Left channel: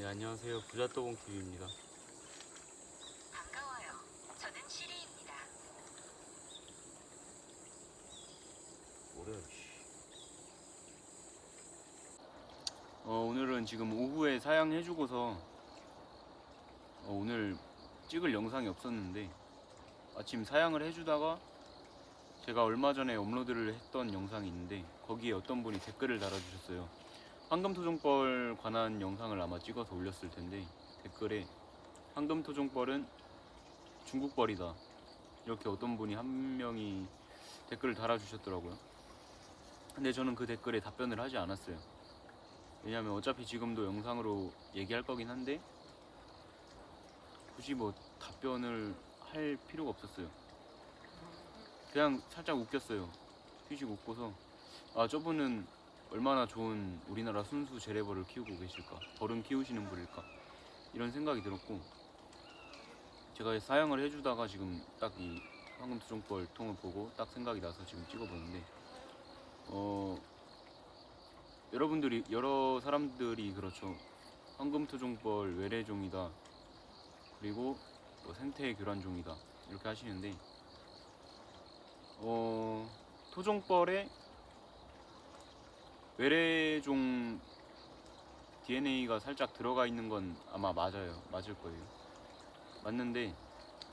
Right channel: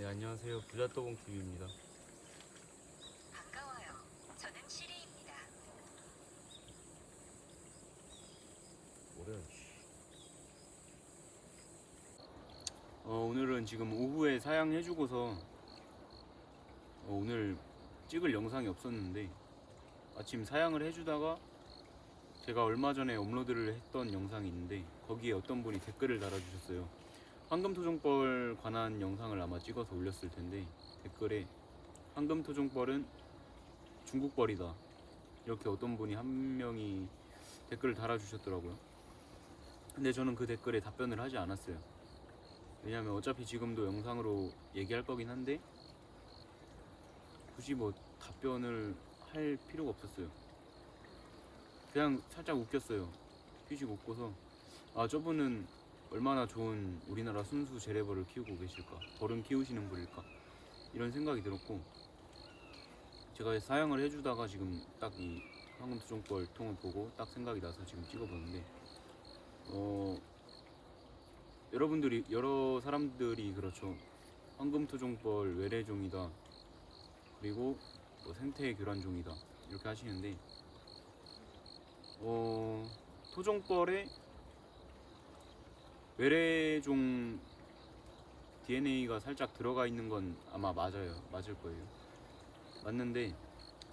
네, 안녕하세요. 부자또봉 TV입니다. 반가워요. 저는 시리입니다. 뭐래? 어, 오늘은 지금 오후에 사양해주고서 어, 오늘 찍을 영상이 없었는데 아침 사양을 해주다가 제가 얼마 전에 업로드를 했던 영상이 있는데 거기에 어떤 분이 댓글을 달아주셨어요. 황금토종벌 관한 영상을 아마 찍어서 올렸을 텐데 댓글에 황금토종벌은 중국벌이다 이렇게 어떤 분이 한 명이 댓글을 달아주셨더라고요. 근데 저는 그 댓글에 답변을 하지 않았어요. 왜냐면 어차피 지금도 영상으로 얘기할 거긴 한데 굳이 뭐 답변을 할 필요가 없었어요. 그냥 살짝 웃겼어요. 휘식 웃고서 아 저분은 얼마나 좋은 우리나라 순수 재래벌을 키우고 계실까? 벌은 키우시는 분일까? 이런 생각이 들었고 제가 사양을 해주다가 지금 딱 이 황금투종벌 통을 보고 딱 생각이 나서 지금 찍어보는데 어 여러분들이 여러 사람들이 그렇죠. 황금 토종벌 외래종이다. 그리고 뭐 생태 교란종이다. 이렇게 하시는데 어 토종벌에 외래종 DNA가 살짝 들어가 있는 건 아마 맞아요. 맞을 거예요. 맞는데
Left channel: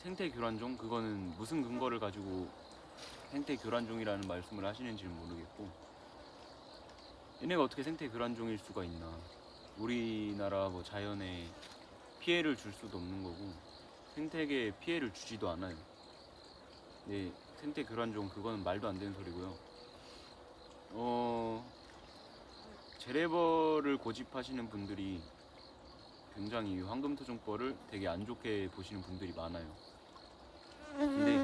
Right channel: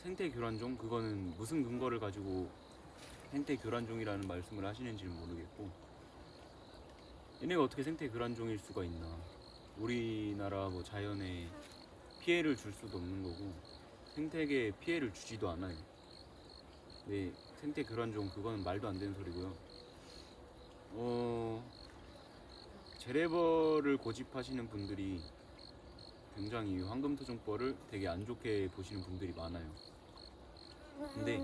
생태 교란종 그거는 무슨 근거를 가지고 생태 교란종이라는 말씀을 하시는지는 모르겠고 얘네가 어떻게 생태 교란종일 수가 있나? 우리나라 뭐 자연에 피해를 줄 수도 없는 거고 생태계에 피해를 주지도 않아요. 네 생태 교란종 그거는 말도 안 되는 소리고요. 어 재래벌을 고집하시는 분들이 굉장히 이 황금토종벌을 되게 안 좋게 보시는 분들이 많아요. 근데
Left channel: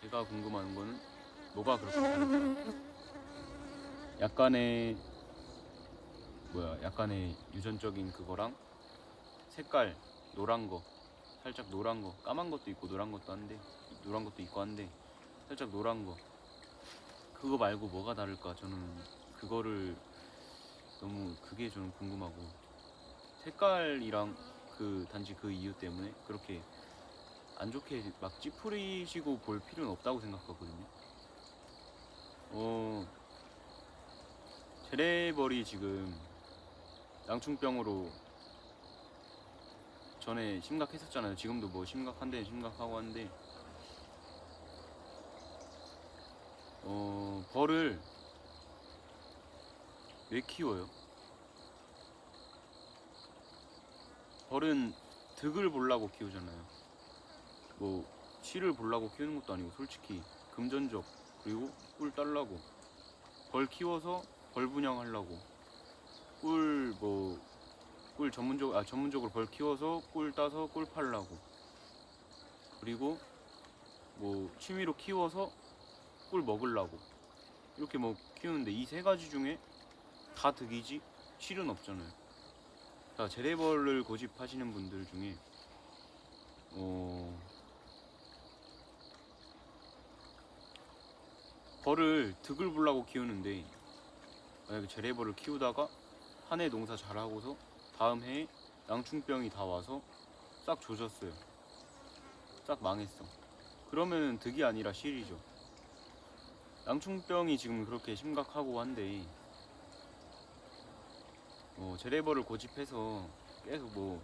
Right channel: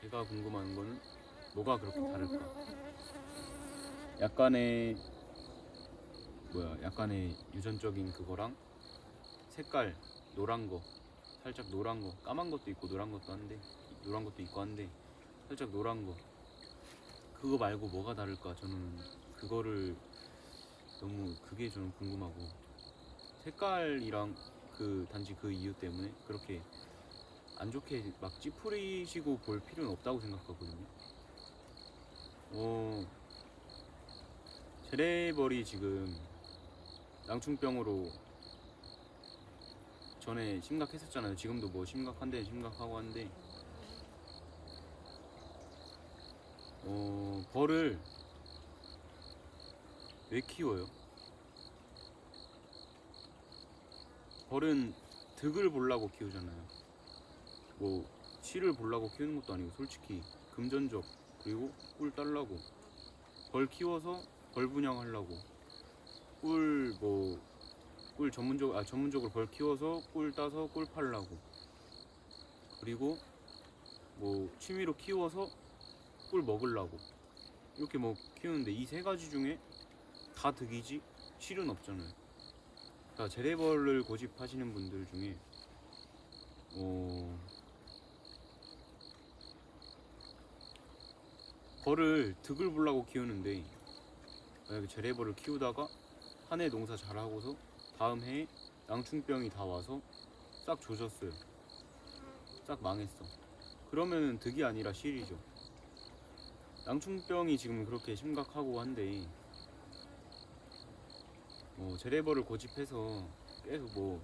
제가 궁금한 거는 뭐가 그렇게 다를까? 약간의 뭐야 약간의 유전적인 그거랑 색깔 노란 거 살짝 노란 거 까만 것도 있고 노란 것도 한데 노란 것도 있고 한데 살짝 노란 거. 그거 말고 뭐가 다를까? 저는 그거를 너무 그게 저는 궁금하고 색깔이랑 그 단지 그 이유 때문에 그렇게 안 좋게 막 찌푸리시고 볼 필요는 없다고 생각하거든요. 어, 재래벌이 지금 양충병으로 전에 심각했었잖아요. 지금도 뭐 심각한데 심각하고 한데 어, 벌을 왜 키워요? 벌은 득을 보려고 키우잖아요. 뭐 실을 보려고 키우는 것도 아니고 솔직히 금전적 그리고 꿀 딸라고 벌 키워서 벌 분양하려고 꿀 뭐 꿀 전문적 아 전문적으로 벌 키워서 꿀 따서 꿀 팔라고 그리고 뭐 취미로 키워서 꿀 먹으려고 이렇게 뭐 키우는데 이 세 가지 중에 다 득이지 실은 없잖아요. 그러니까 재래벌을 고집하시는 분들 중에 어 벌을 득을 보려고 키우는데 만약에 재래벌을 키우다가 한 해 농사 잘하고서 다음 해에 낭충병이 다 와서 싹 조졌어요. 싹 망했어. 그러면은 득이 아니라 실이죠. 낭충병이 지금 그렇게 심각하고 한데 어, 재래벌을 고집해서 계속 뭐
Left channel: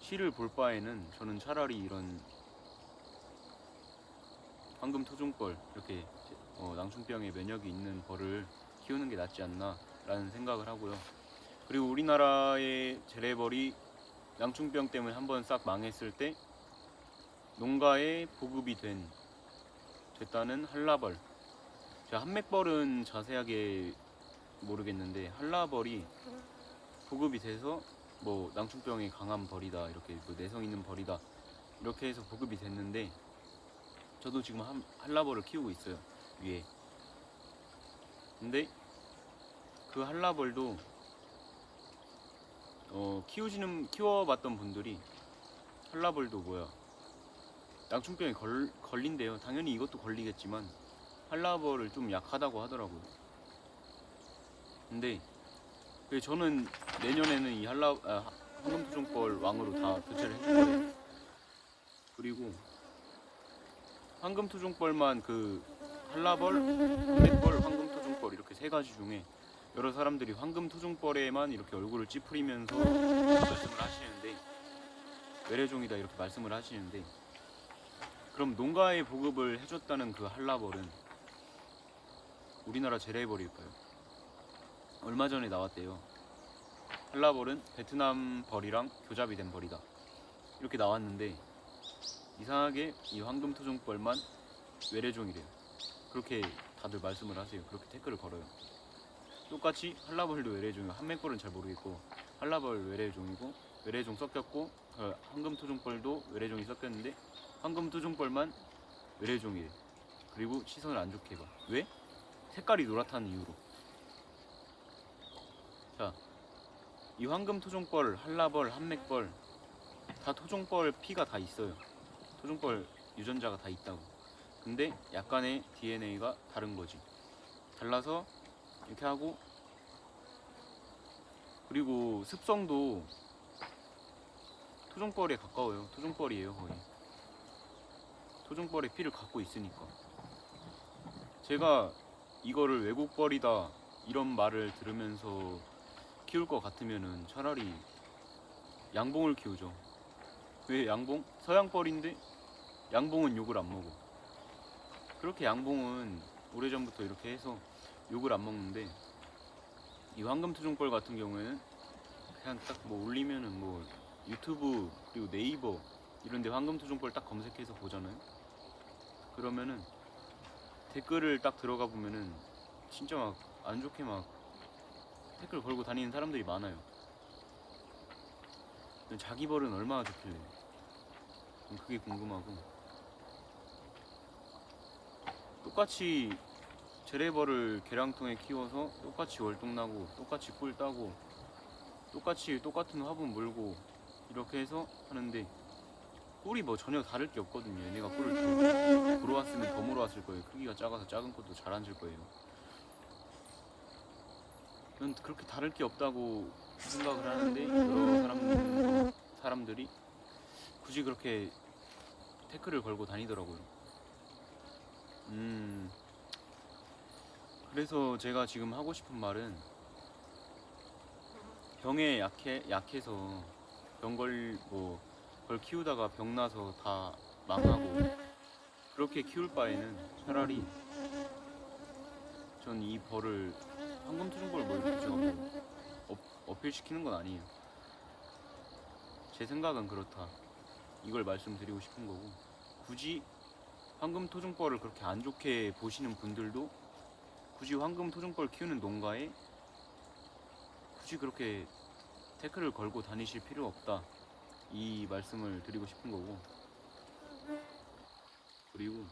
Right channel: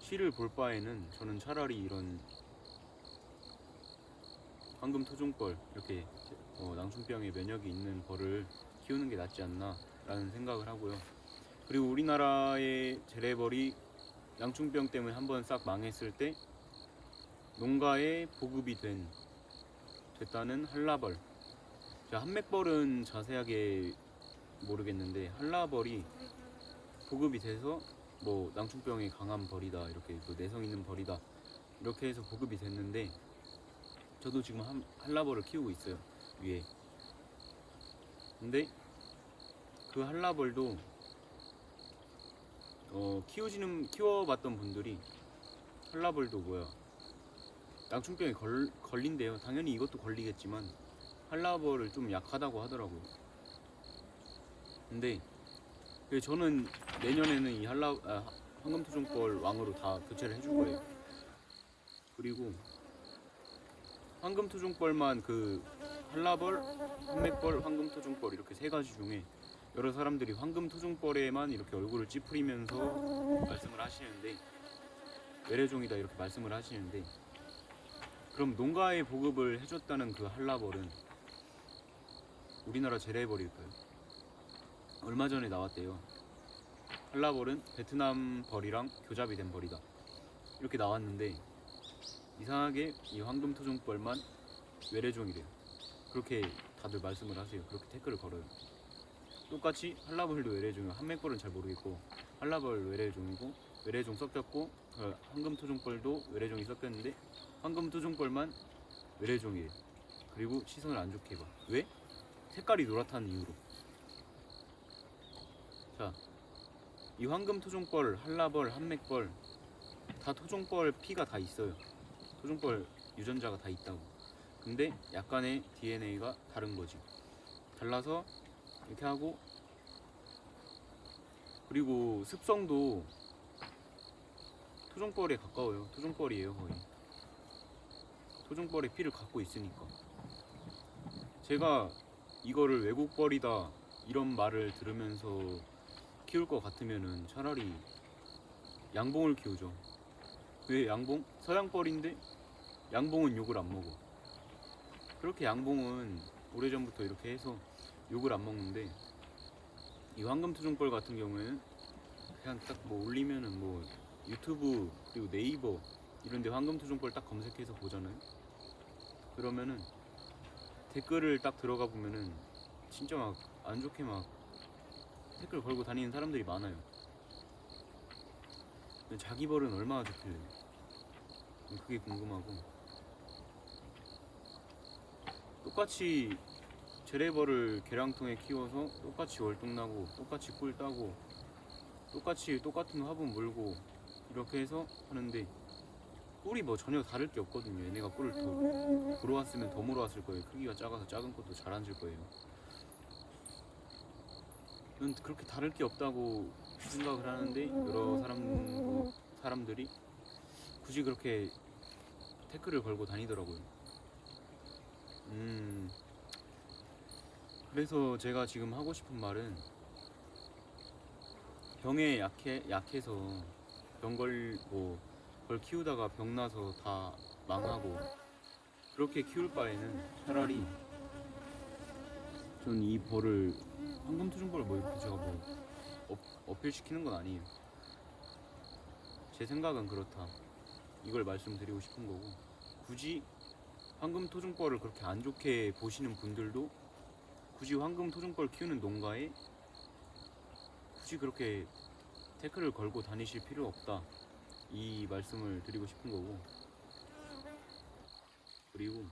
실을 볼 바에는 저는 차라리 이런 황금 토종벌 이렇게 어, 낭충병에 면역이 있는 벌을 키우는 게 낫지 않나라는 생각을 하고요. 그리고 우리나라의 재래벌이 낭충병 때문에 한 번 싹 망했을 때 농가에 보급이 된 됐다는 한라벌. 제가 한맥벌은 자세하게 모르겠는데 한라벌이 보급이 돼서 뭐 낭충병에 강한 벌이다 이렇게 뭐 내성 있는 벌이다 이렇게 해서 보급이 됐는데 저도 지금 한, 한라벌을 키우고 있어요 위에. 근데 그 한라벌도 어 키우시는 키워봤던 분들이 한라벌도 뭐야 낭충병에 걸, 걸린대요. 당연히 이것도 걸리겠지만 한라벌을 좀 약하다고 하더라고요. 근데 그 저는 내년에는 이 한라 아, 황금토종벌 왕으로 다 교체를 해줄 거예요. 그리고 황금토종벌만 그 한라벌, 한백벌, 황금토종벌 이렇게 세 가지 중에 여러 사람들이 황금토종벌에만 이렇게 얼굴을 찌푸리면서 말씀을 하시는데 외래종이다 이렇게 말씀을 하시는데 그럼 농가에 보급을 해줬다는 그 한라벌은 우리나라 재래벌일까요? 얼마 전에 나왔대요. 한라벌은 베트남 벌이랑 교잡이 된 벌이다. 이렇게 나왔는데 이상하게 이 황금토종벌만 외래종이래요. 그렇게 다들 말씀을 하세요. 그렇게 댓글을 걸어요. 똑같이 한라벌도 외래종이고 한맥벌은 잘 모르겠고 한라벌 외래종이고 외래종 섞였고 어, 황금토종벌도 외래종이 섞였는데 황금토종벌만 외래종이래. 그리고 시선을 안 좋게 봐. 왜? 색깔이 노랗다는 이유로. 자, 이 황금 토종벌, 한라벌, 한맥벌 다 토종벌 피가 다 있어요. 토종벌 유전자가 다 있다고. 근데 약간의 DNA가 다른 거지. 달라서 이렇게 하고 그리고 습성도 토종벌에 가까워요. 토종벌이에요 거의. 토종벌의 피를 갖고 있으니까. 제가 이거를 외국벌이다 이런 말을 들으면서 키울 것 같으면은 차라리 양봉을 키우죠. 왜 양봉? 서양벌인데 양봉은 욕을 안 먹어. 그렇게 양봉은 오래전부터 이렇게 해서 욕을 안 먹는데 이 황금토종벌 같은 경우에는 그냥 딱 뭐 올리면은 뭐 유튜브 그리고 네이버 이런데 황금토종벌 딱 검색해서 보잖아요. 그러면은 댓글을 딱 들어가 보면은 진짜 막 안 좋게 막 댓글 걸고 다니는 사람들이 많아요. 자기 벌은 얼마나 좋길래? 전 그게 궁금하고 똑같이 재래벌을 계량통에 키워서 똑같이 월동나고 똑같이 꿀 따고 똑같이 똑같은 화분 물고 이렇게 해서 하는데 꿀이 뭐 전혀 다를 게 없거든요. 얘네가 꿀을 더 물어왔으면 더 물어왔을 거예요. 크기가 작아서 작은 것도 잘 앉을 거예요. 는 그렇게 다를 게 없다고 생각을 하는데 여러 사람 사람들이 굳이 그렇게 태클을 걸고 다니더라고요. 음. 그래서 제가 지금 하고 싶은 말은 병에 약해 약해서 병걸 뭐 걸 키우다가 병 나서 다 망하고 그렇게 키울 바에는 차라리 전 이 벌을 황금토종벌을 뭐 이렇게 제가 뭐 업, 어필시키는 건 아니에요. 제 생각은 그렇다. 이걸 말씀드리고 싶은 거고 굳이 황금 토종벌을 그렇게 안 좋게 보시는 분들도 굳이 황금 토종벌 키우는 농가에 굳이 그렇게 태클을 걸고 다니실 필요 없다. 이 말씀을 드리고 싶은 거고 그리고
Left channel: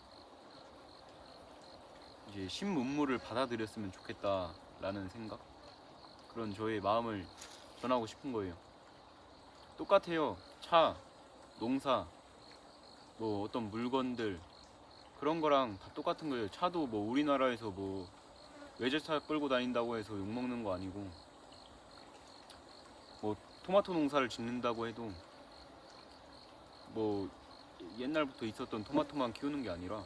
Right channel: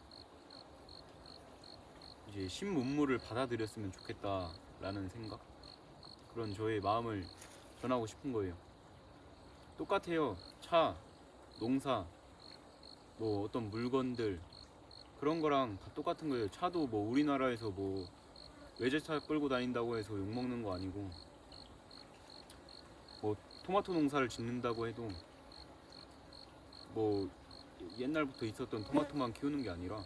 이제 신문물을 받아들였으면 좋겠다라는 생각 그런 저의 마음을 전하고 싶은 거예요. 똑같아요. 차, 농사, 뭐 어떤 물건들 그런 거랑 다 똑같은 거예요. 차도 뭐 우리나라에서 뭐 외제차 끌고 다닌다고 해서 욕 먹는 거 아니고 뭐 토마토 농사를 짓는다고 해도 뭐 옛날부터 있었던 토마토만 키우는 게 아니라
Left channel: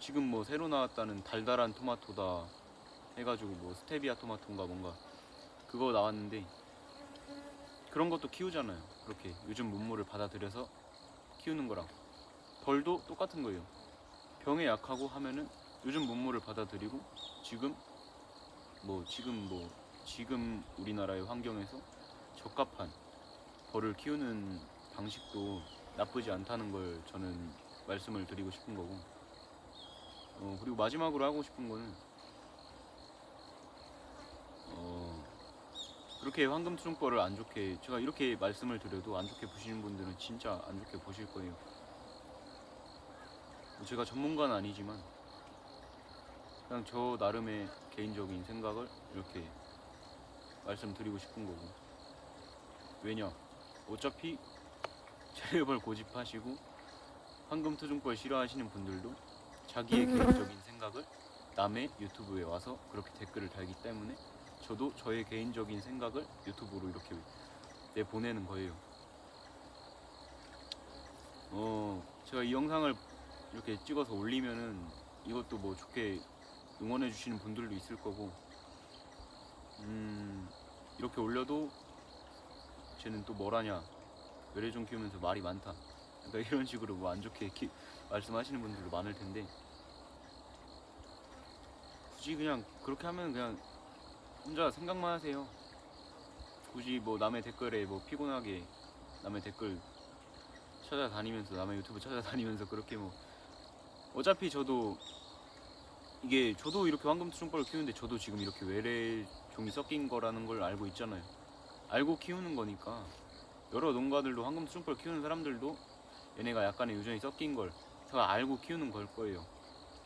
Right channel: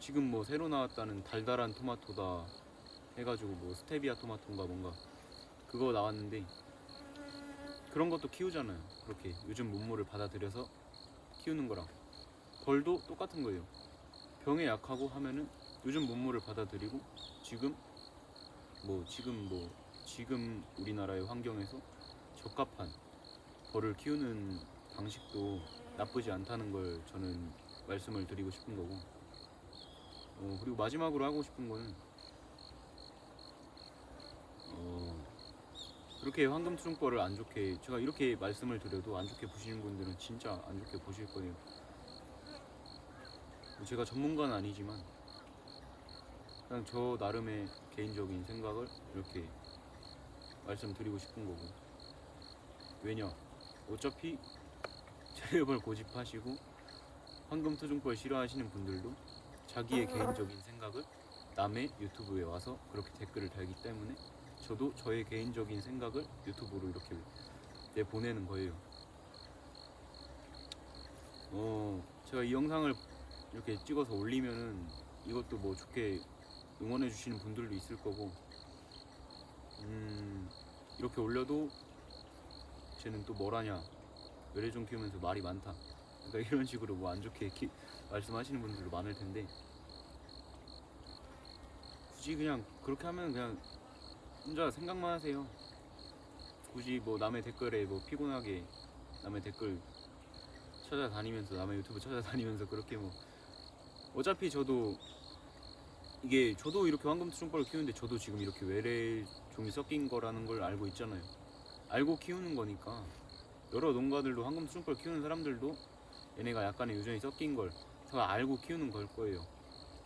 지금 뭐 새로 나왔다는 달달한 토마토다 해가지고 뭐 스테비아 토마토인가 뭔가 그거 나왔는데 그런 것도 키우잖아요. 그렇게 요즘 문물을 받아들여서 키우는 거랑 벌도 똑같은 거예요. 병에 약하고 하면은 요즘 문물을 받아들이고 지금 뭐 지금 뭐 지금 우리나라의 환경에서 적합한 벌을 키우는 방식도 나쁘지 않다는 걸 저는 말씀을 드리고 싶은 거고 어, 그리고 마지막으로 하고 싶은 거는 어, 그렇게 황금투종벌을 안 좋게 제가 이렇게 말씀을 드려도 안 좋게 보시는 분들은 진짜 안 좋게 보실 거예요. 뭐 제가 전문가는 아니지만 그냥 저 나름의 개인적인 생각을 이렇게 말씀드리고 싶은 거고 왜냐 어차피 재벌 고집하시고 황금투종벌 싫어하시는 분들도 자기의 개인적인 생각을 남의 유튜브에 와서 그렇게 댓글을 달기 때문에 저도 저의 개인적인 생각을 유튜브로 이렇게 내 보내는 거예요. 어, 제가 이 영상을 이렇게 찍어서 올리면은 이것도 뭐 좋게 응원해 주시는 분들도 있을 거고, 음, 이렇게 올려도 쟤는 또 뭐라냐, 외래종 키우면서 말이 많다. 그러니까 이런 식으로 뭐 안 좋게 키- 말씀하시는 분들도 많을 텐데, 굳이 그냥 그렇게 하면 그냥 혼자 생각만 하세요. 굳이 뭐 남의 댓글에 뭐 피곤하게 남의 댓글 찾아다니면서 남의 유튜브 찾아다니면서 그렇게 뭐 어차피 저도 이게 저도 이렇게 황금 투종벌을 키우는데 저도 지금 이렇게 외래 종이 섞인 거라는 걸 알고 있잖아요. 알고 키우는 거니까 여러 농가들도 황금 투종벌 키우는 사람들도 얘네가 약간의 유전이 섞인 걸 다 알고 키우는 걸 거예요.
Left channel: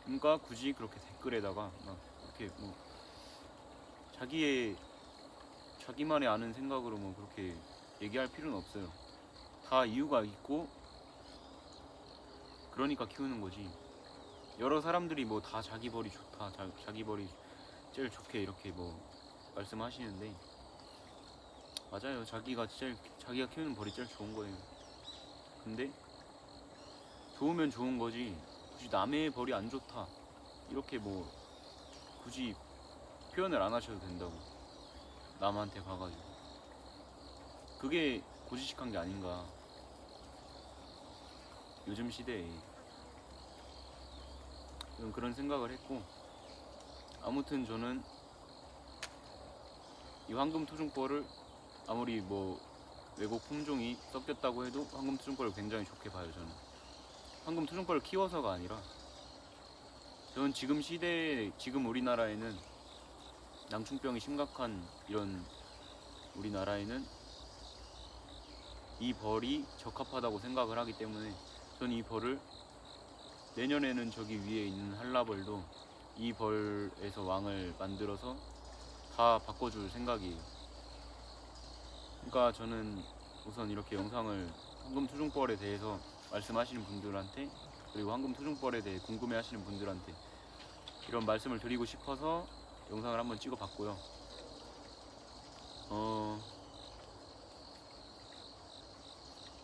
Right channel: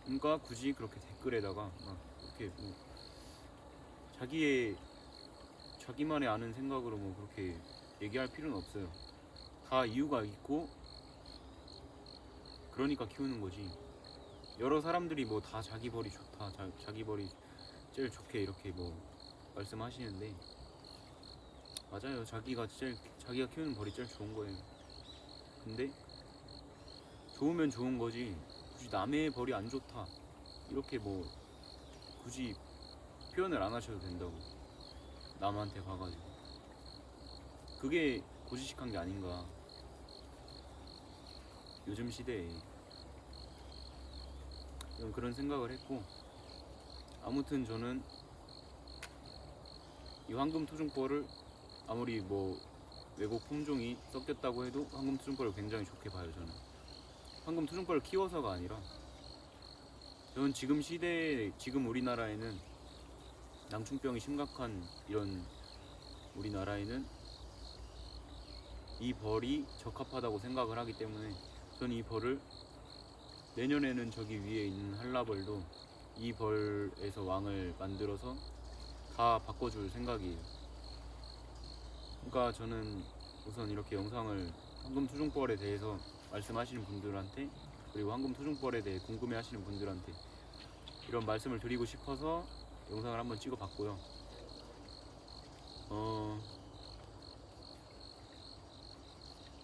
그러니까 굳이 그렇게 댓글에다가 막 이렇게 뭐 자기의 자기만의 아는 생각으로 뭐 그렇게 얘기할 필요는 없어요. 다 이유가 있고 그러니까 키우는 거지. 여러 사람들이 뭐 다 자기 벌이 좋다, 자, 자기 벌이 제일 좋게 이렇게 뭐 말씀하시는데 맞아요. 자기가 제일 자기가 키우는 벌이 제일 좋은 거예요. 근데 좋으면 좋은 거지. 굳이 남의 벌이 안 좋다 이렇게 뭐 굳이 표현을 안 하셔도 된다고. 남한테 가가지고 그게 고지식한 게 아닌가 요즘 시대에 그런 생각을 했고 아무튼 저는 이 황금 토종벌을 아무리 뭐 외국 품종이 섞였다고 해도 황금 토종벌을 굉장히 좋게 봐요 저는 황금 토종벌을 키워서가 아니라 저는 지금 시대에 지금 우리나라에는 낭충병이 심각한 이런 우리나라에는 이 벌이 적합하다고 생각을 하기 때문에 저는 이 벌을 내년에는 저기 위에 있는 한라벌도 이 벌에서 왕을 만들어서 다 바꿔줄 생각이에요. 그러니까 저는 우선 이렇게 영상을 황금 토종벌에 대해서 말씀하시는 분들한테 그리고 황금 토종벌에 대해 궁금해 하시는 분들한테 이런 말씀을 드리고 싶어서 영상을 한번 찍어 봤고요. 어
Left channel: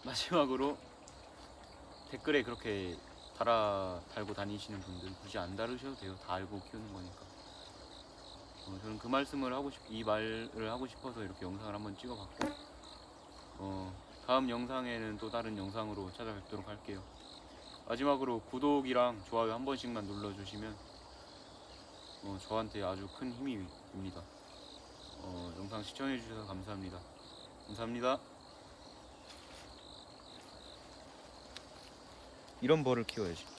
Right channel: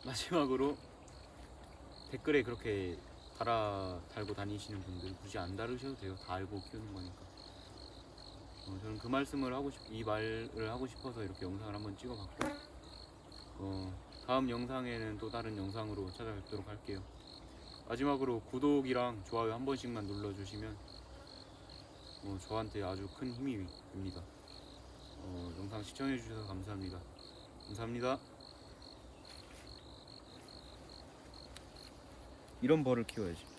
마지막으로 댓글에 그렇게 달아 달고 다니시는 분들 굳이 안 다루셔도 돼요. 다 알고 키우는 거니까. 어, 저는 그 말씀을 하고 싶, 이 말을 하고 싶어서 이렇게 영상을 한번 찍어봤고, 어, 다음 영상에는 또 다른 영상으로 찾아뵙도록 할게요. 마지막으로 구독이랑 좋아요 한 번씩만 눌러주시면 어, 저한테 아주 큰 힘이 됩니다. 어, 영상 시청해주셔서 감사합니다. 감사합니다. 이런 벌을 키워야지.